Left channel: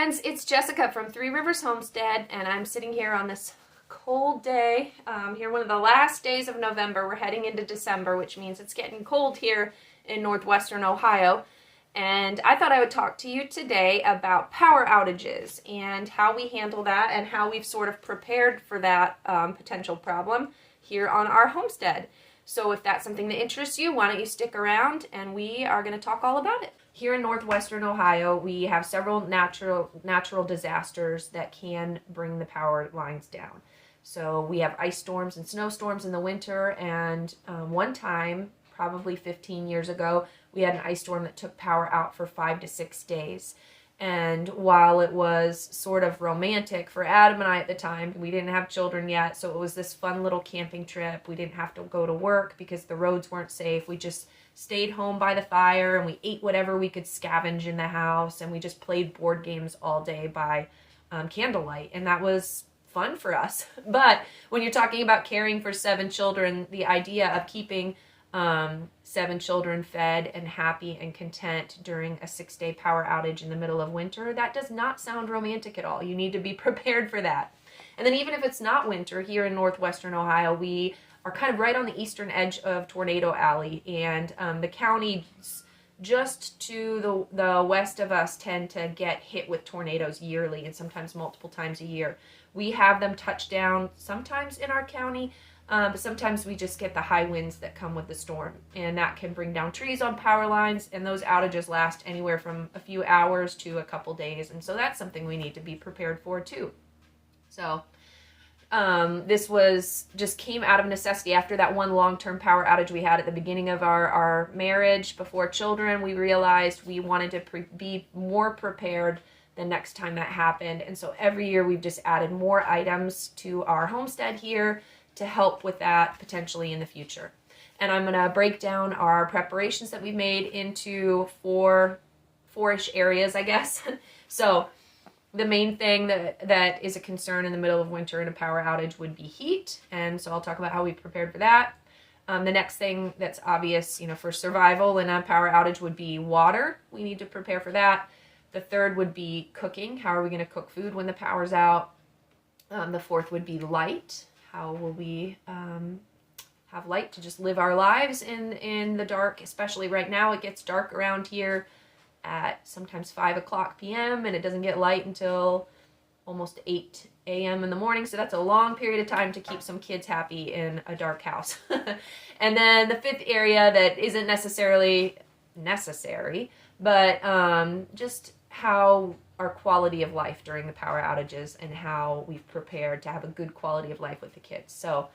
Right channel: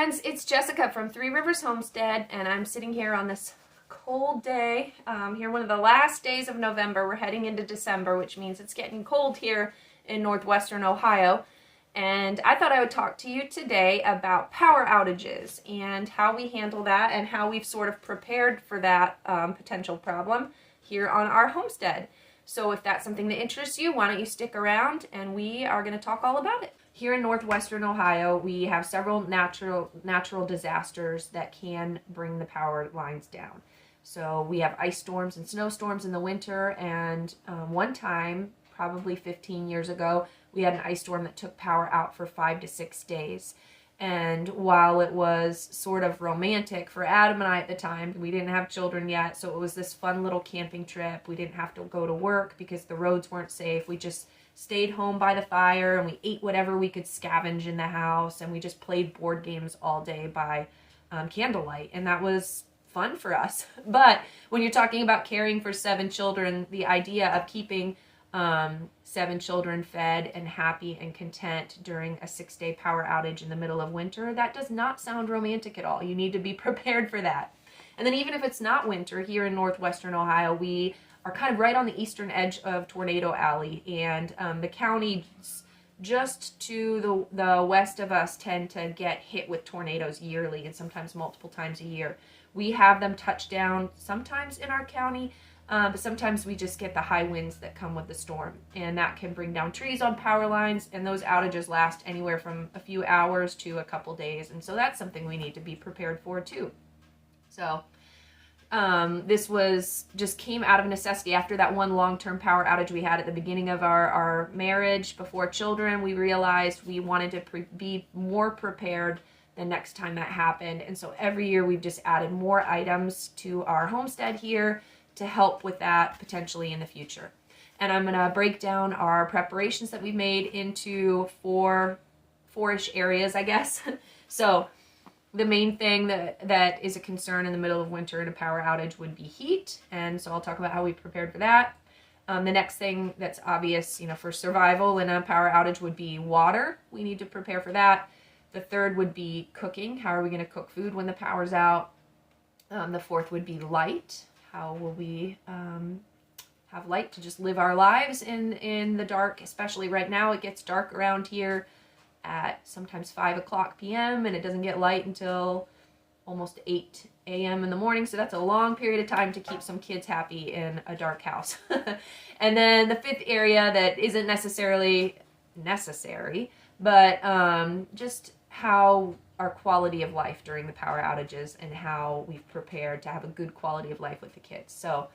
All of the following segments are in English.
friends, it's Jessica from Three Rivers Homestead, and I'm sitting here on this cold day. Here, one of the last days of November. We're heading into December, which means it's getting cold here in northwestern Ohio. And I thought I would talk to you today about power outages and how we handle that and how we've sort of prepared for that potential problem here on our homestead. So if that's something that interests you, why don't you stick around and we are going to talk all about it. Here in northwestern Ohio, we have several natural disasters that can bring the power lines down. So we have ice storms and snowstorms in the winter, and one time, probably 15 years ago, we had an ice storm that took power out for 5 to 6 days. And while it was sort of romantic for Adam and I at the time, we didn't have children yet, so it was this fun little camping trip. We didn't have to go to work because the roads weren't safe. We just stayed home by the fire and we ate whatever we could scavenge in the house, and we just played board games all day by candlelight, and that was fun for us. But when you're talking about caring for 7 children, the idea of keeping 7 children fed and happy and content during a 6-day power outage in the middle of winter, that does not sound romantic at all. You need to be prepared for that. And then even if it's not winter, here in northwestern Ohio, we are kind of right on the eastern edge of Tornado Alley, and the counties just to the west of us tend to get hit with tornadoes yearly and sometimes multiple times a year. We have them touch down sometimes in our county, but sometimes we just get the high winds that come with the storm, and that can bring down trees on power lines, and those outages last anywhere from a few hours to a couple days, and so that's something we need to be prepared for too. So this just came out of necessity. After that one long-term power outage we had at the beginning of our marriage before children, we realized we wanted to be more prepared the next time that happened. And so every year we've just added more items to our homestead here to help with that potentially in the future. And I'm going to break down our preparations that we've made into four-ish areas, I guess. So the main thing that is a concern in the middle of winter in a power outage would be heat, and so I'll talk about how we prepared for that. The next thing that's obvious, for survival in a power outage would be water. We need to prepare for that. The third would be cooking. How are we going to cook food when the power's out? The fourth would be light. How will we have light to just live our lives in the dark? Especially right now, it gets dark around here at sometimes 5 o'clock p.m. and it doesn't get light until almost 8 a.m. in the morning. So that's a long period of time to keep some kids happy in a dark house. And then the fifth area that isn't necessarily necessary, but just how our quality of life during the power outages and how we've prepared to have a good quality of life with the kids. So,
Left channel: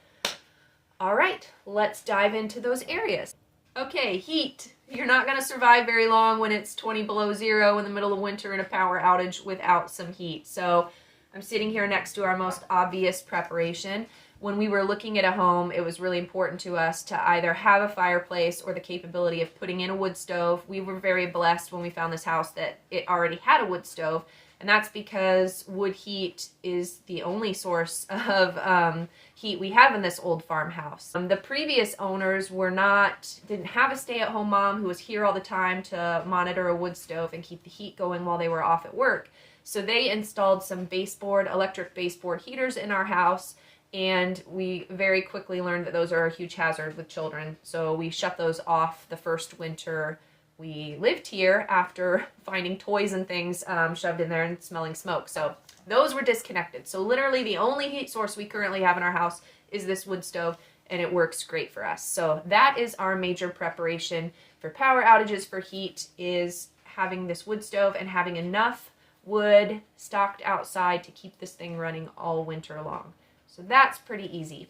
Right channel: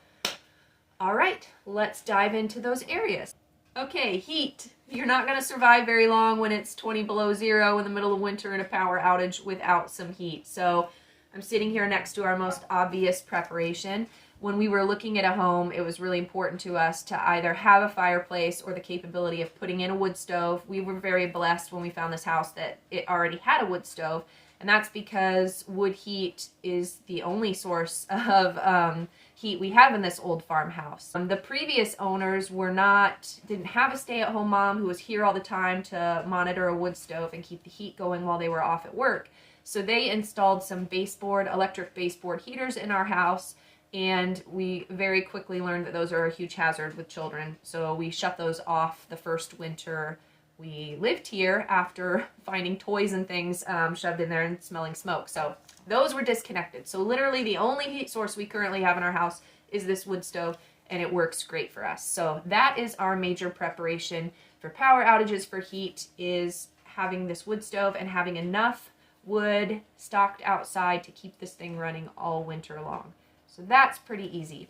all right, let's dive into those areas. Okay, heat. You're not going to survive very long when it's 20 below zero in the middle of winter in a power outage without some heat. So I'm sitting here next to our most obvious preparation. When we were looking at a home, it was really important to us to either have a fireplace or the capability of putting in a wood stove. We were very blessed when we found this house that it already had a wood stove, and that's because wood heat is the only source of heat we have in this old farmhouse. The previous owners didn't have a stay-at-home mom who was here all the time to monitor a wood stove and keep the heat going while they were off at work. So they installed some electric baseboard heaters in our house, and we very quickly learned that those are a huge hazard with children. So we shut those off the first winter we lived here after finding toys and things shoved in there and smelling smoke. So those were disconnected. So literally the only heat source we currently have in our house is this wood stove, and it works great for us. So that is our major preparation for power outages for heat, is having this wood stove and having enough wood stocked outside to keep this thing running all winter long. So that's pretty easy.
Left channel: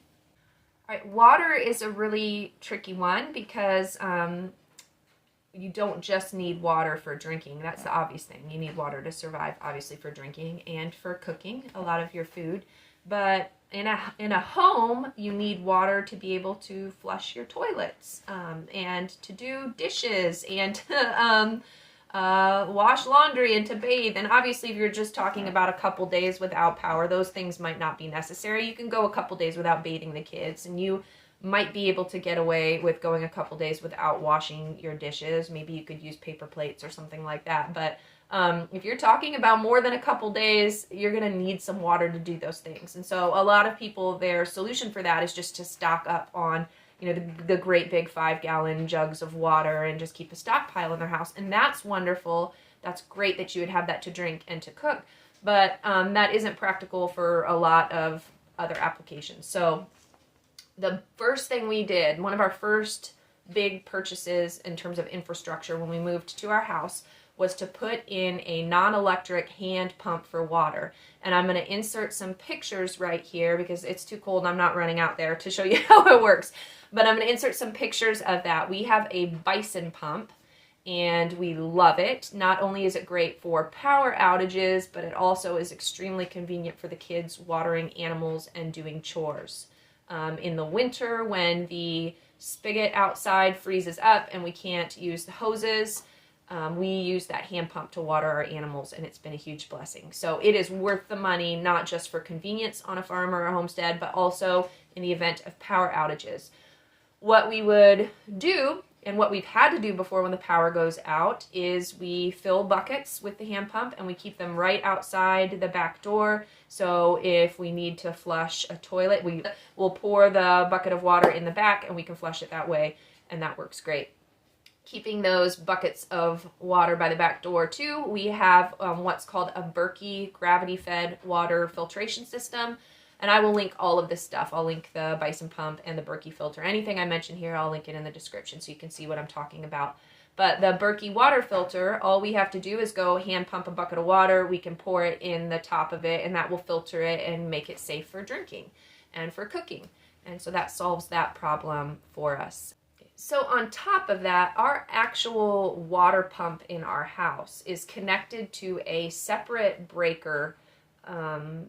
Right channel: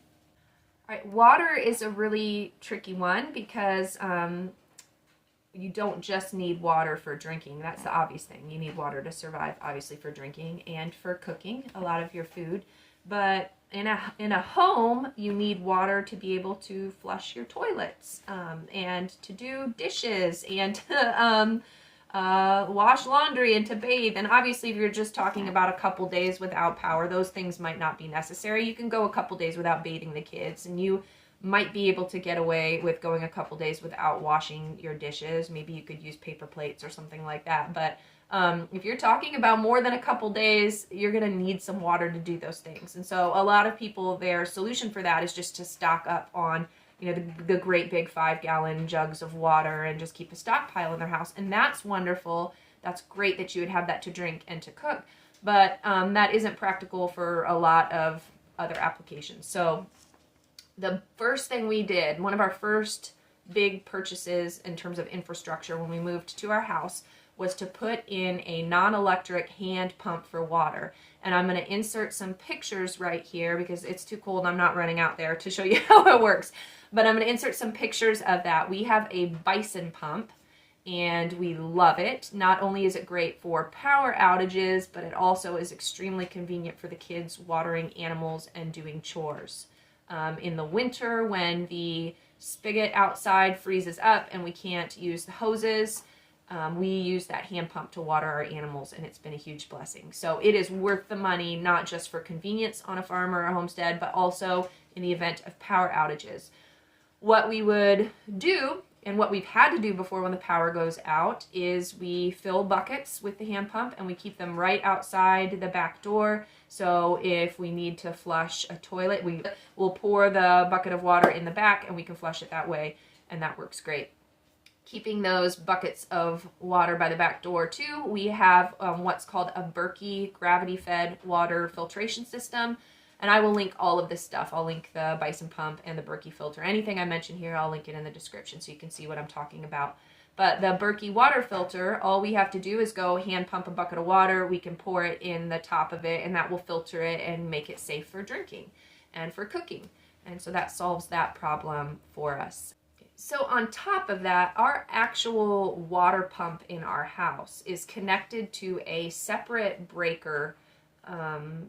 All right, water is a really tricky one because you don't just need water for drinking. That's the obvious thing. You need water to survive, obviously, for drinking and for cooking a lot of your food. But in a home, you need water to be able to flush your toilets and to do dishes and wash laundry and to bathe. And obviously, if you're just talking about a couple days without power, those things might not be necessary. You can go a couple days without bathing the kids, and you might be able to get away with going a couple days without washing your dishes. Maybe you could use paper plates or something like that. But If you're talking about more than a couple days, you're going to need some water to do those things. And so a lot of people, their solution for that is just to stock up on, you know, the great big 5-gallon jugs of water and just keep a stockpile in their house. And that's wonderful. That's great that you would have that to drink and to cook. But that isn't practical for a lot of other applications. So the first thing we did, one of our first big purchases in terms of infrastructure when we moved to our house, was to put in a non-electric hand pump for water. And I'm going to insert some pictures right here because it's too cold and I'm not running out there to show you how it works. But I'm going to insert some pictures of that. We have a Bison pump and we love it. Not only is it great for power outages, but it also is extremely convenient for the kids watering animals and doing chores. In the winter, when the spigot outside freezes up and we can't use the hoses, we use that hand pump to water our animals, and it's been a huge blessing. So it is worth the money, not just for convenience on a farm or a homestead, but also in the event of power outages. What we would do, and what we've had to do before when the power goes out, is we fill buckets with the hand pump and we keep them right outside the back door. So if we need to flush a toilet, we'll pour the bucket of water in the back and we can flush it that way, and that works great. Keeping those buckets of water by the back door too, we have what's called a Berkey gravity-fed water filtration system. And I will link all of this stuff. I'll link the Bison pump and the Berkey filter. Anything I mention here, I'll link it in the description so you can see what I'm talking about. But the Berkey water filter, all we have to do is go hand pump a bucket of water. We can pour it in the top of it, and that will filter it and make it safe for drinking and for cooking. And so that solves that problem for us. So on top of that, our actual water pump in our house is connected to a separate breaker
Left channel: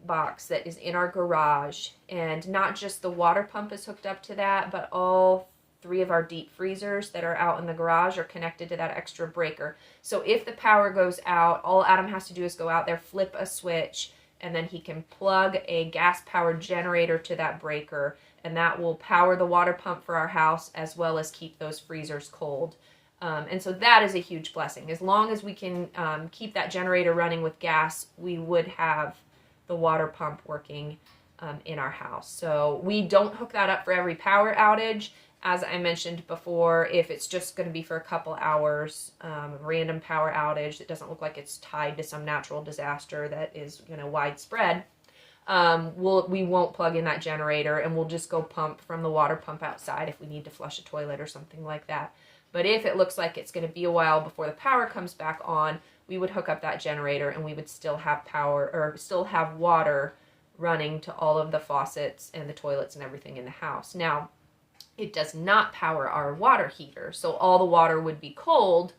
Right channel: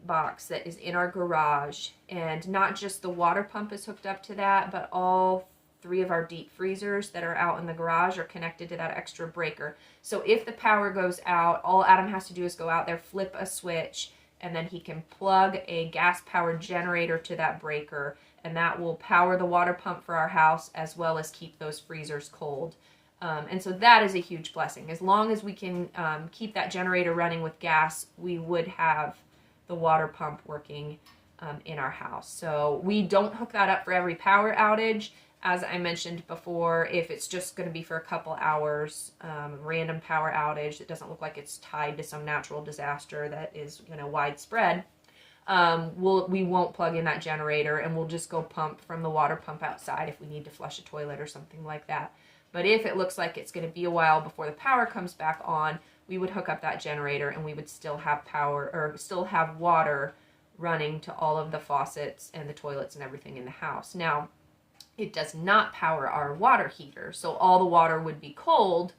box that is in our garage. And not just the water pump is hooked up to that, but all 3 of our deep freezers that are out in the garage are connected to that extra breaker. So if the power goes out, all Adam has to do is go out there, flip a switch, and then he can plug a gas-powered generator to that breaker, and that will power the water pump for our house as well as keep those freezers cold. And so that is a huge blessing. As long as we can keep that generator running with gas, we would have the water pump working in our house. So we don't hook that up for every power outage. As I mentioned before, if it's just going to be for a couple hours, random power outage that doesn't look like it's tied to some natural disaster that is, you know, widespread, we won't plug in that generator, and we'll just go pump from the water pump outside if we need to flush a toilet or something like that. But if it looks like it's going to be a while before the power comes back on, we would hook up that generator and we would still have power, or still have water running to all of the faucets and the toilets and everything in the house. Now, it does not power our water heater, so all the water would be cold.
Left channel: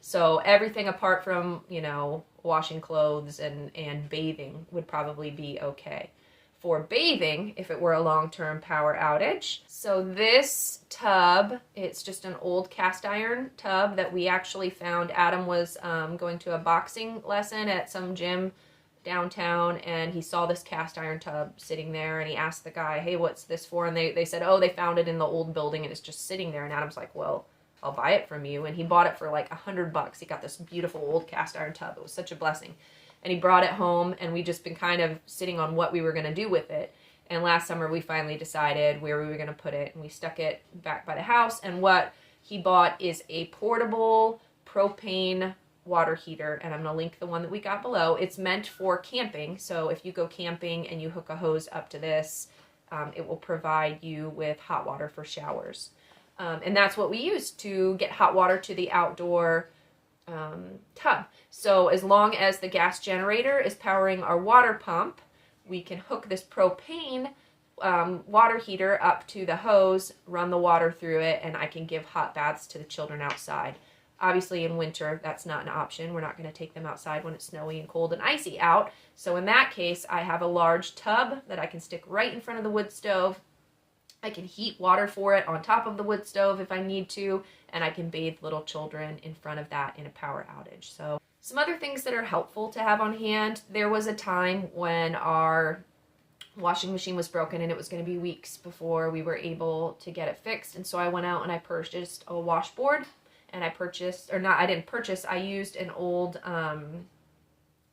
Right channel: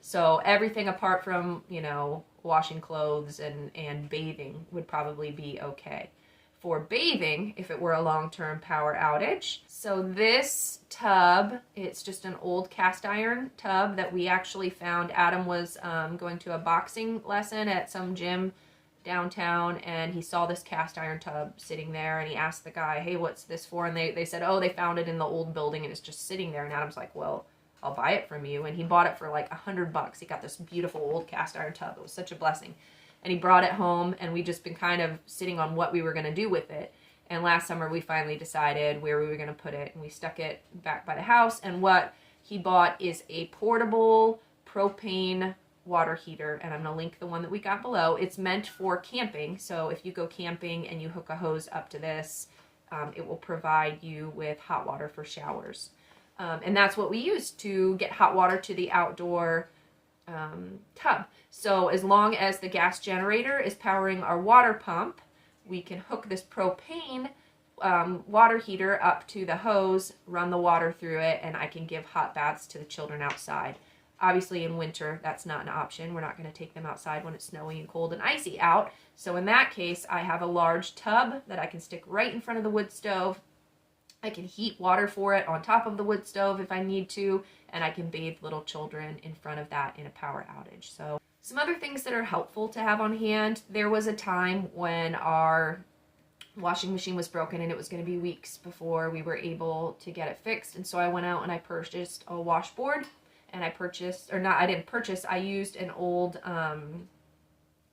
So everything apart from, you know, washing clothes and bathing would probably be okay. For bathing, if it were a long-term power outage, so this tub, it's just an old cast iron tub that we actually found. Adam was going to a boxing lesson at some gym downtown, and he saw this cast iron tub sitting there, and he asked the guy, hey, what's this for? And they said, oh, they found it in the old building and it's just sitting there. And Adam's like, well, I'll buy it from you. And he bought it for like $100. He got this beautiful old cast iron tub. It was such a blessing. And he brought it home, and we've just been kind of sitting on what we were going to do with it. And last summer we finally decided where we were going to put it, and we stuck it back by the house. And what he bought is a portable propane water heater, and I'm going to link the one that we got below. It's meant for camping, so if you go camping and you hook a hose up to this, it will provide you with hot water for showers. And that's what we use to get hot water to the outdoor tub. So as long as the gas generator is powering our water pump, we can hook this propane water heater up to the hose, run the water through it, and I can give hot baths to the children outside. Obviously in winter, that's not an option. We're not going to take them outside when it's snowy and cold and icy out. So in that case, I have a large tub that I can stick right in front of the wood stove. I can heat water for it on top of the wood stove if I need to, and I can bathe little children in front of that in a power outage. So some other things that are helpful to have on hand. There was a time when our washing machine was broken and it was going to be weeks before we were able to get it fixed. And so I went out and I purchased a washboard, and I purchased, or not, I didn't purchase, I used an old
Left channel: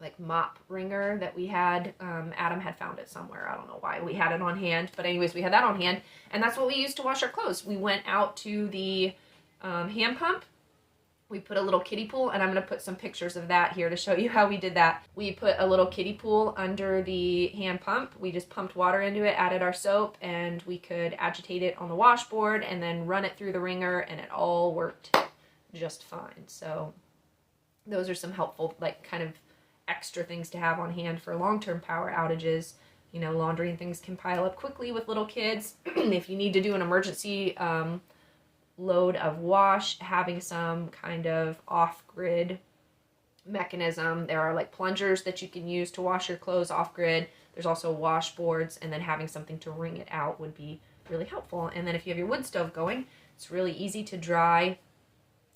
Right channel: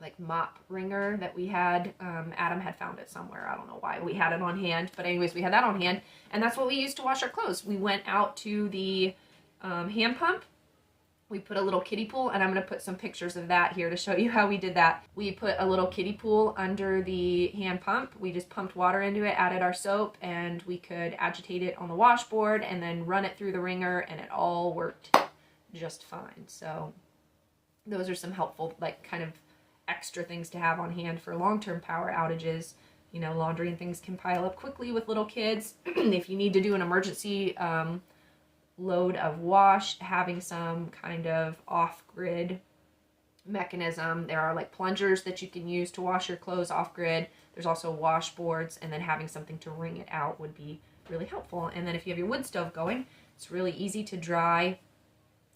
like mop wringer that we had. Adam had found it somewhere. I don't know why we had it on hand, but anyways, we had that on hand, and that's what we used to wash our clothes. We went out to the hand pump. We put a little kiddie pool, and I'm going to put some pictures of that here to show you how we did that. We put a little kiddie pool under the hand pump. We just pumped water into it, added our soap, and we could agitate it on the washboard and then run it through the wringer, and it all worked just fine. So those are some helpful, like, kind of extra things to have on hand for long-term power outages. You know, laundry and things can pile up quickly with little kids. If you need to do an emergency load of wash, having some kind of off-grid mechanism. There are like plungers that you can use to wash your clothes off-grid. There's also washboards, and then having something to wring it out would be really helpful. And then if you have your wood stove going, it's really easy to dry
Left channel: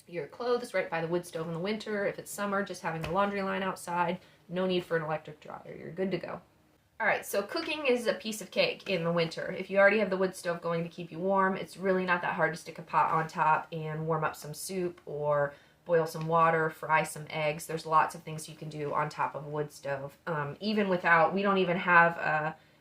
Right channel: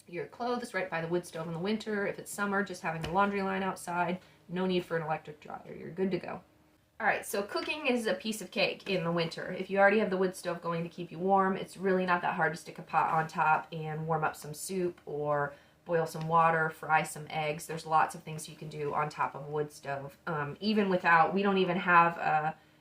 your clothes right by the wood stove in the winter. If it's summer, just having the laundry line outside, no need for an electric dryer. You're good to go. All right, so cooking is a piece of cake in the winter. If you already have the wood stove going to keep you warm, it's really not that hard to stick a pot on top and warm up some soup or boil some water, fry some eggs. There's lots of things you can do on top of a wood stove. Even without, we don't even have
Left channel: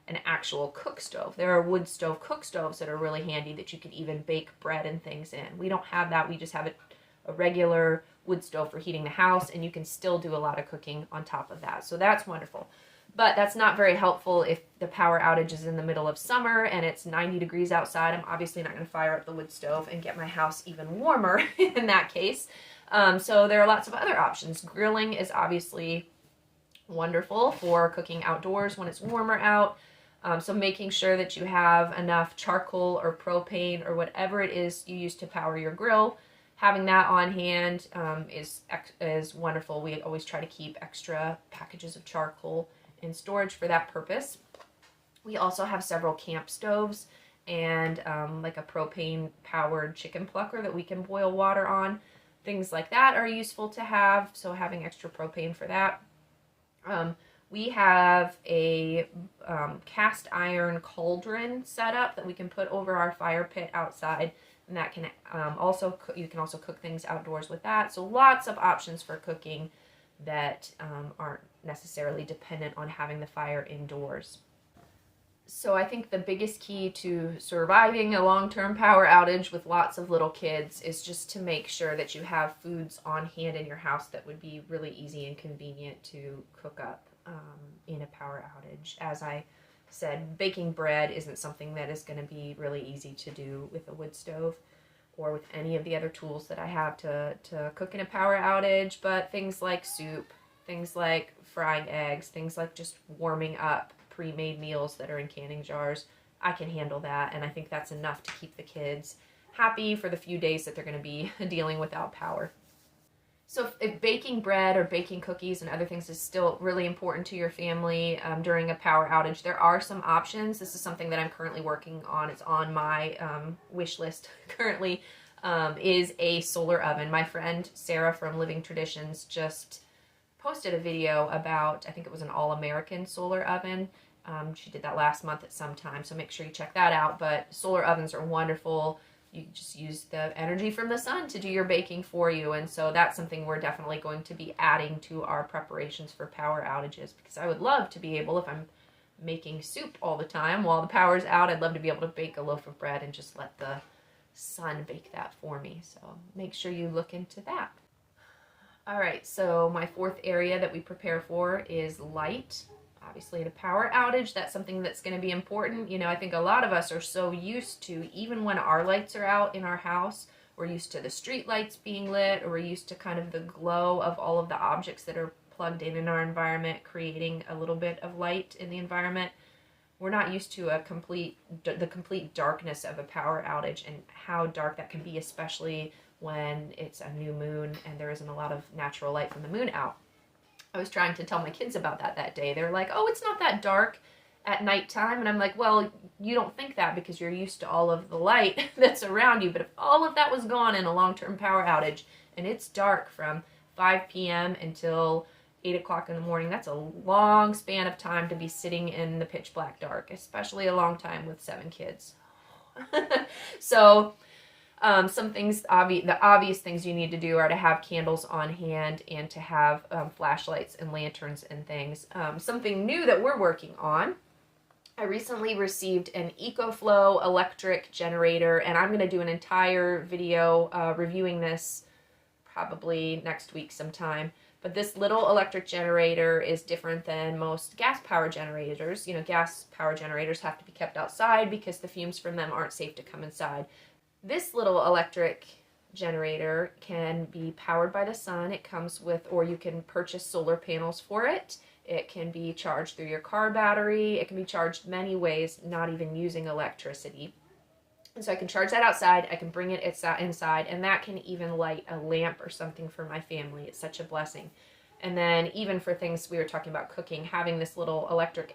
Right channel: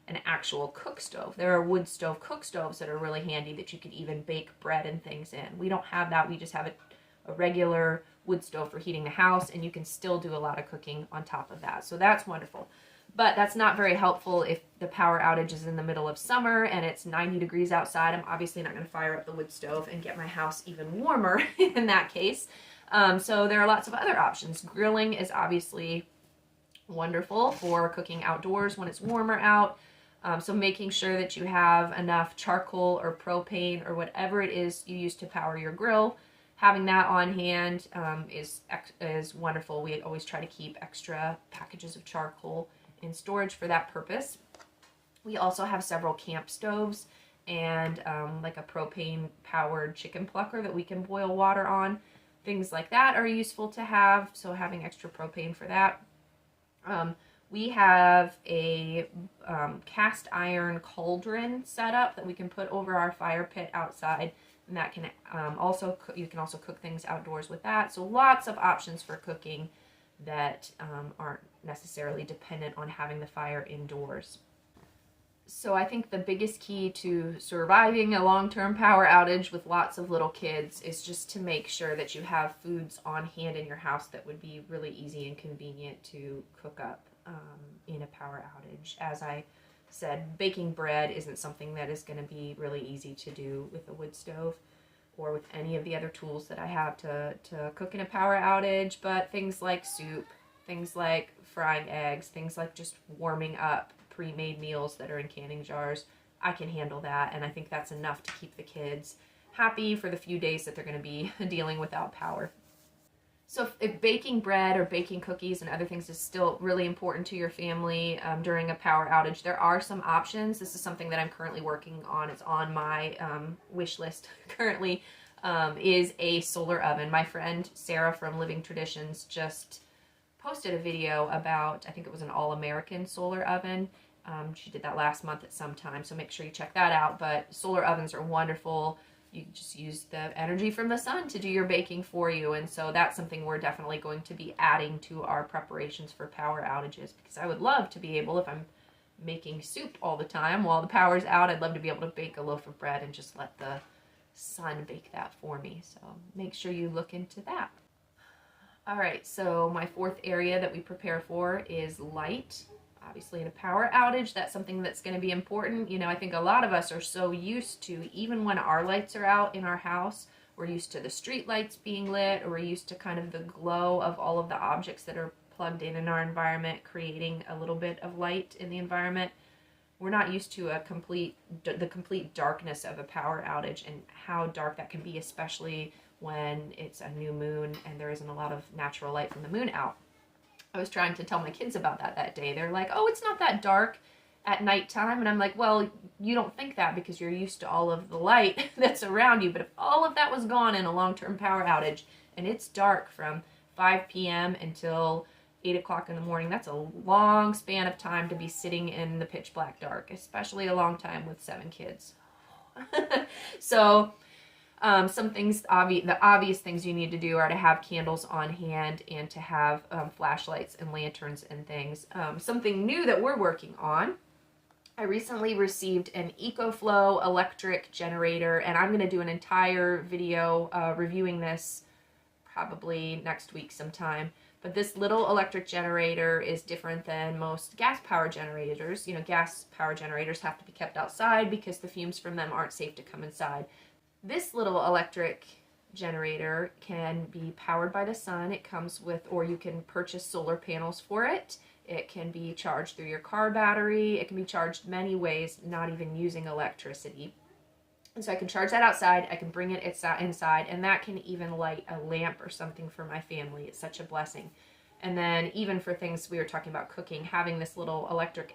an actual cook stove. There are wood stove cook stoves that are really handy that you can even bake bread and things in. We don't have that. We just have a regular wood stove for heating the house, and you can still do a lot of cooking on top of that. So that's wonderful. But that's not very helpful if the power outage is in the middle of summer and it's 90 degrees outside. I'm obviously not going to fire up the wood stove and get my house even warmer in that case. So there are lots of other options. Grilling is obviously wonderful for cooking outdoors when it's warmer out. So making sure that you have enough charcoal or propane or whatever it is you use to power your grill, having that on hand is wonderful. We always try to keep extra packages of charcoal in storage for that purpose. We also have several camp stoves and like a propane powered chicken plucker that we can boil water on. Things like that are useful to have, so having extra propane for that. We have a cast iron cauldron set up that we can put over our fire pit outside, and that can you can also cook things outdoors with that. So lots of options for cooking that aren't necessarily dependent on having the fire indoors. So I think the biggest key to surviving a long-term power outage with lots of little kids is just to make sure that you have foods on hand in your house that would be really easy and convenient to cook up in a power outage. As I said, baking bread isn't something that is going to be really easy to do with a wood stove or with any of the other tools that I have to cook in a power outage, but things like soup, things like frying eggs, things like just warming up pre-made meals that are in canning jars, I can handle that, and I think that's enough to keep the kids happy for the few days that they're going to be dealing without power. So if baking bread or baking cookies and other things is still really important to your family during a power outage, there are some options. This is something that I'm currently working on. It's on my wish list currently, is a solar oven. My friend Sarah from Living Traditions just posted a video about, I think it was an all-American solar oven. She did that last month at some time, so make sure you check that out. But solar ovens are wonderful. You just use the energy from the sun to do your baking for you, and so that's something we're definitely going to be adding to our preparations for power outages, because I would love to be able, if I'm making soup all the time while the power's out, I'd love to be able to bake a loaf of bread and just let the sun bake that for me. So make sure you look into that. All right, so my fourth area that we prepare for is light. Obviously in a power outage, that's something that's going to be important. You know, I think a lot of us are so used to, even when our lights are out in our house, we're used to the street lights being lit, or we're used to kind of the glow of all of the objects that are plugged in our environment, creating a little bit of light in the environment. We're not used to the complete darkness of a power outage and how dark that can be, especially when it's a new moon and there isn't a lot of natural light from the moon out. I was trying to tell my kids about that day. They're like, oh, it's not that dark at nighttime. And I'm like, well, you don't think that because you're used to all of the light that's around you. But if all of that was gone in a long-term power outage and it's dark from 5 p.m. until 8 o'clock in the morning, that's a long span of time to be sitting in the pitch black dark, especially a long time with 7 kids. So Some things, the obvious things you need to do are to have candles on hand and to have flashlights and lanterns and things. Something new that we're working on, I recently received an EcoFlow electric generator, and I'm going to do an entire video reviewing this probably next week sometime. But this little electric generator is different than most gas power generators. You know, gas power generators have to be kept outside because the fumes from them aren't safe to come inside. This little electric generator can be powered by the sun. It comes with, or you can purchase solar panels for it. It can be charged through your car battery. It can be charged many ways, not even using electricity. And so I can charge that outside. I can bring it inside, and that can even light a lamp or something for my family. It's such a blessing. And then even for things we were talking about cooking, having this little electric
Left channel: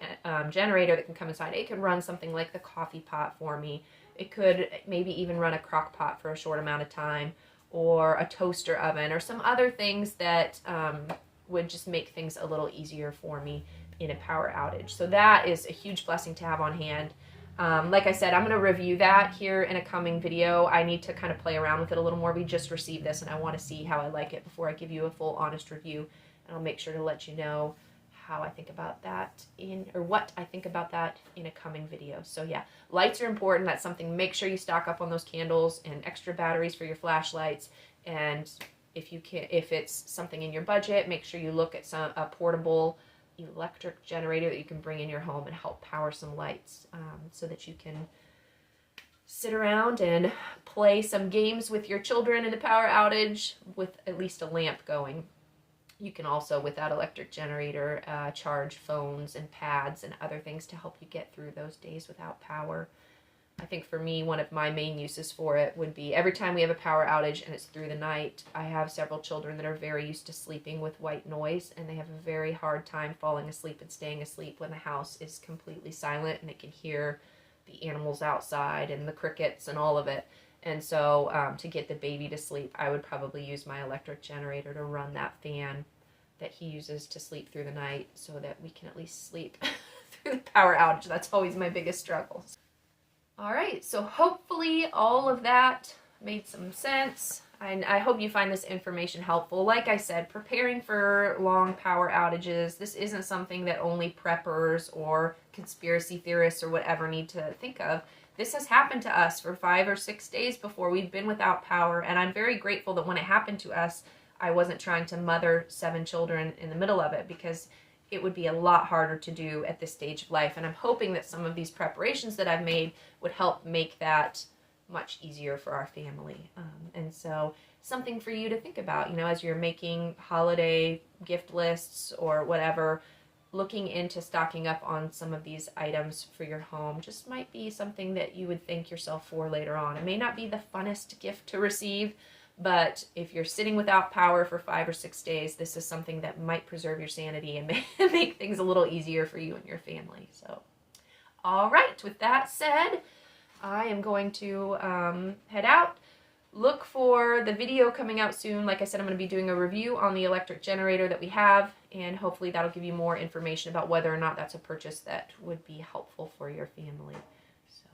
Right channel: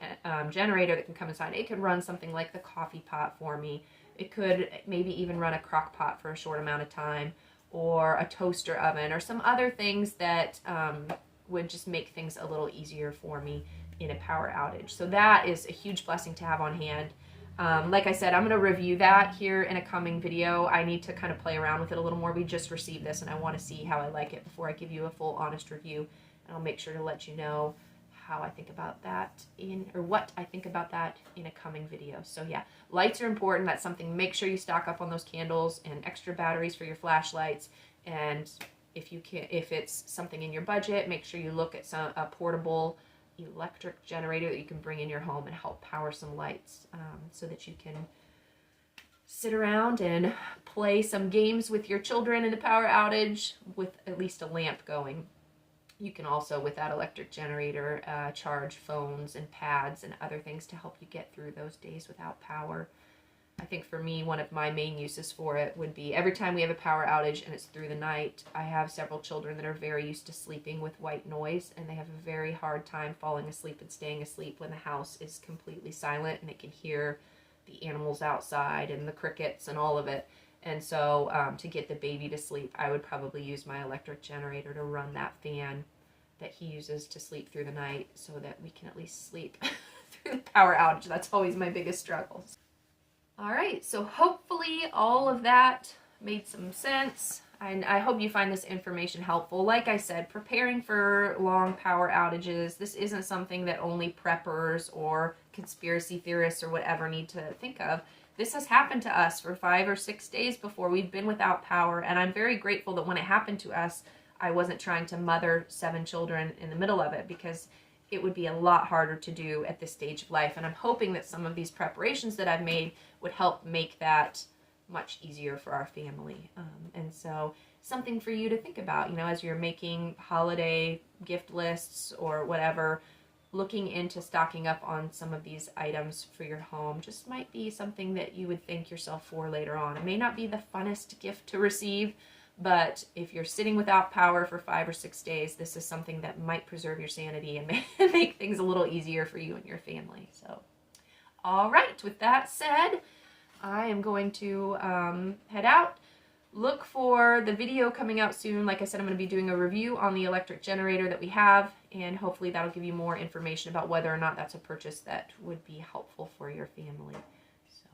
generator that can come inside, it can run something like the coffee pot for me. It could maybe even run a crock pot for a short amount of time, or a toaster oven, or some other things that would just make things a little easier for me in a power outage. So that is a huge blessing to have on hand. Like I said, I'm going to review that here in a coming video. I need to kind of play around with it a little more. We just received this, and I want to see how I like it before I give you a full honest review. And I'll make sure to let you know how I think about that what I think about that in a coming video. So yeah, lights are important. That's something, make sure you stock up on those candles and extra batteries for your flashlights. And if it's something in your budget, make sure you look at a portable electric generator that you can bring in your home and help power some lights, so that you can sit around and play some games with your children in a power outage with at least a lamp going. You can also, with that electric generator, charge phones and pads and other things to help you get through those days without power. I think for me, one of my main uses for it would be every time we have a power outage and it's through the night, I have several children that are very used to sleeping with white noise, and they have a very hard time falling asleep and staying asleep when the house is completely silent and it can hear the animals outside and the crickets and all of it. And so to get the baby to sleep, I would probably use my electric generator to run that fan that he uses to sleep through the night so that we can at least sleep through the power outage. That's always my biggest struggle. All right, so hopefully all of that made some sense. I hope you find this information helpful. Like I said, preparing for long power outages, this isn't something that only preppers or conspiracy theorists or whatever need to think of. This has happened to us for 5 or 6 days before. We've been without power, and I'm very grateful that when it happened to us, I wasn't trying to mother 7 children in the middle of it, because it would be a lot harder to do at this stage of life. And I'm hoping that some of these preparations that I've made would help make that much easier for our family. And so something for you to think about, you know, as you're making holiday gift lists or whatever, looking into stocking up on some of these items for your home just might be something that you would thank yourself for later on. It may not be the funnest gift to receive, but if you're sitting without power for 5 or 6 days, this is something that might preserve your sanity and make things a little easier for you and your family. So, all right, with that said, I am going to head out. Look for the video coming out soon. Like I said, I'm going to be doing a review on the electric generator that we have, and hopefully that'll give you more information about whether or not that's a purchase that would be helpful for your family. So,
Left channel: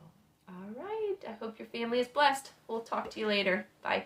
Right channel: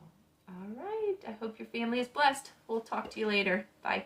all right, I hope your family is blessed. We'll talk to you later. Bye.